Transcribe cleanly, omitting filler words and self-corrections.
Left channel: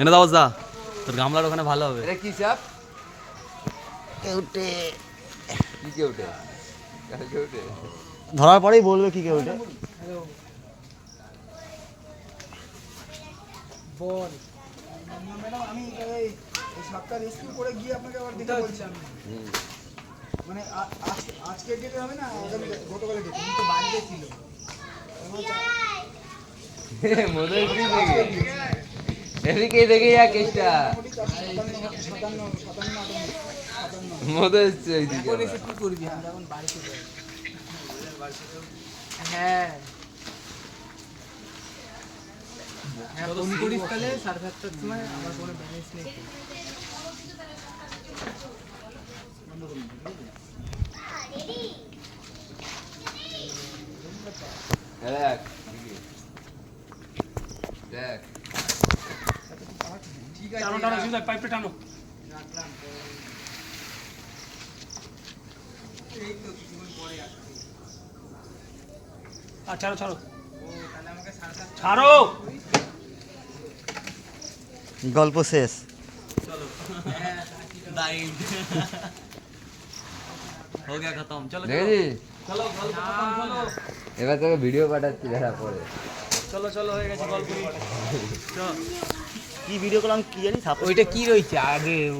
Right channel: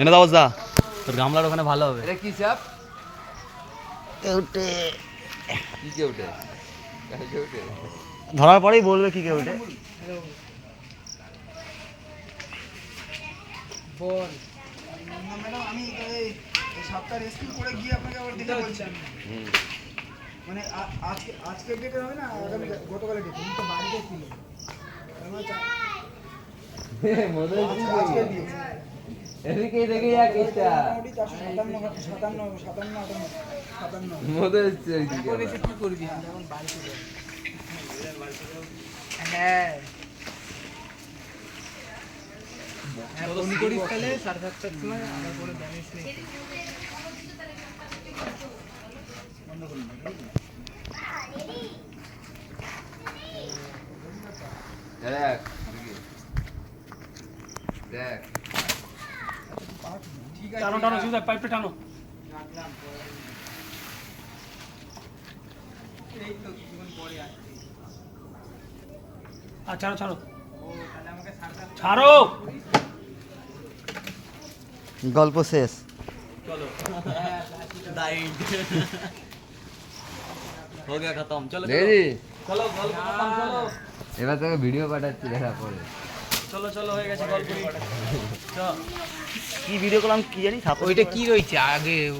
এনে দাও দা, তোর গামলার ওখানে ভালো হবে। এটা কি চাপ? কেউটে কি কেউটে? কেউটে ধরার পরেই বলবে কি কেউটে। বল ম্যাডাম, আমি এই সপ্তাহ রেস্কিউ করে গিয়ে আপনাকে আবার দিতে বলছি। মানে আজকের ডেটে হবে না, আগামী গতকালের ডেটে তো বাড়িতে ছিল। এদিকে দেখে যা কেসটা মধ্যে কি করবি যেমন বাড়িতে হ্যাঁ হ্যাঁ ফোন করিস তাহলে 7:30টার সময়। আমার কোনো ব্যালেন্স নেই। দেখ দেখ ঠিক আছে, টানো টানো সুজা, পাইপটা টানো। রাখলাম। এই তো কিছুক্ষণ পরে আসছি। আর ছাড়ো ছাড়ো ও তাহলে আমাকে 7:30 ছাড়ো। গল্প শেষ। हो गया खत्म, चलो দেখেছি? চলো গল্প খতম, চলো এবার তোকে ভিডিও পাঠাচ্ছি দেখা পরে। চলো চলো হয়ে গেছে গল্প। কি ভিডিও করলাম কি জানি, ওইটা কি রয়েছে আগে